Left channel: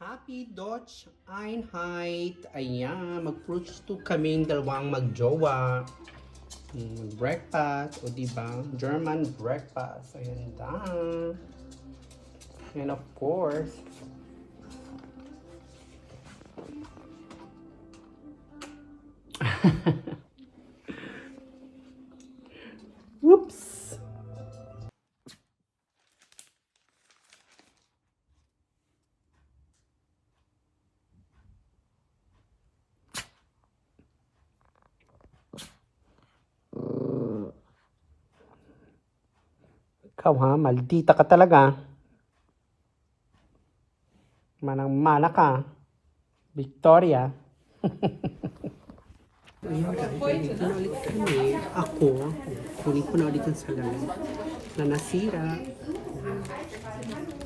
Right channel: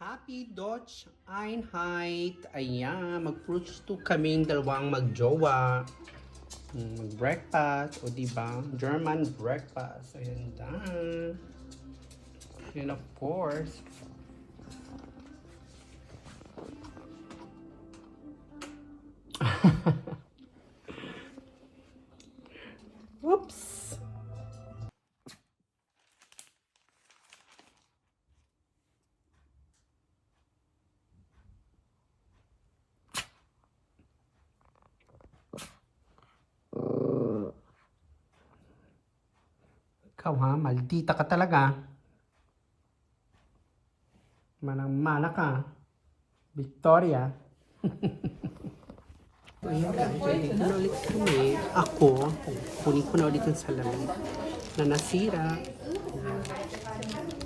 Happy Dutch Einheit. Ayan, mag-fruits to kaming dalawang magjowa. Mag-breakfast, o diba? German breakfast. Ayan da. And of course, whoops. Ikaw ha, maldita ka talaga. Manang-mana ka. Victoria. Ayun guys, nandito na ulit kami. Ako, kunin ko na ulit yung salamin na nasira. Ayan.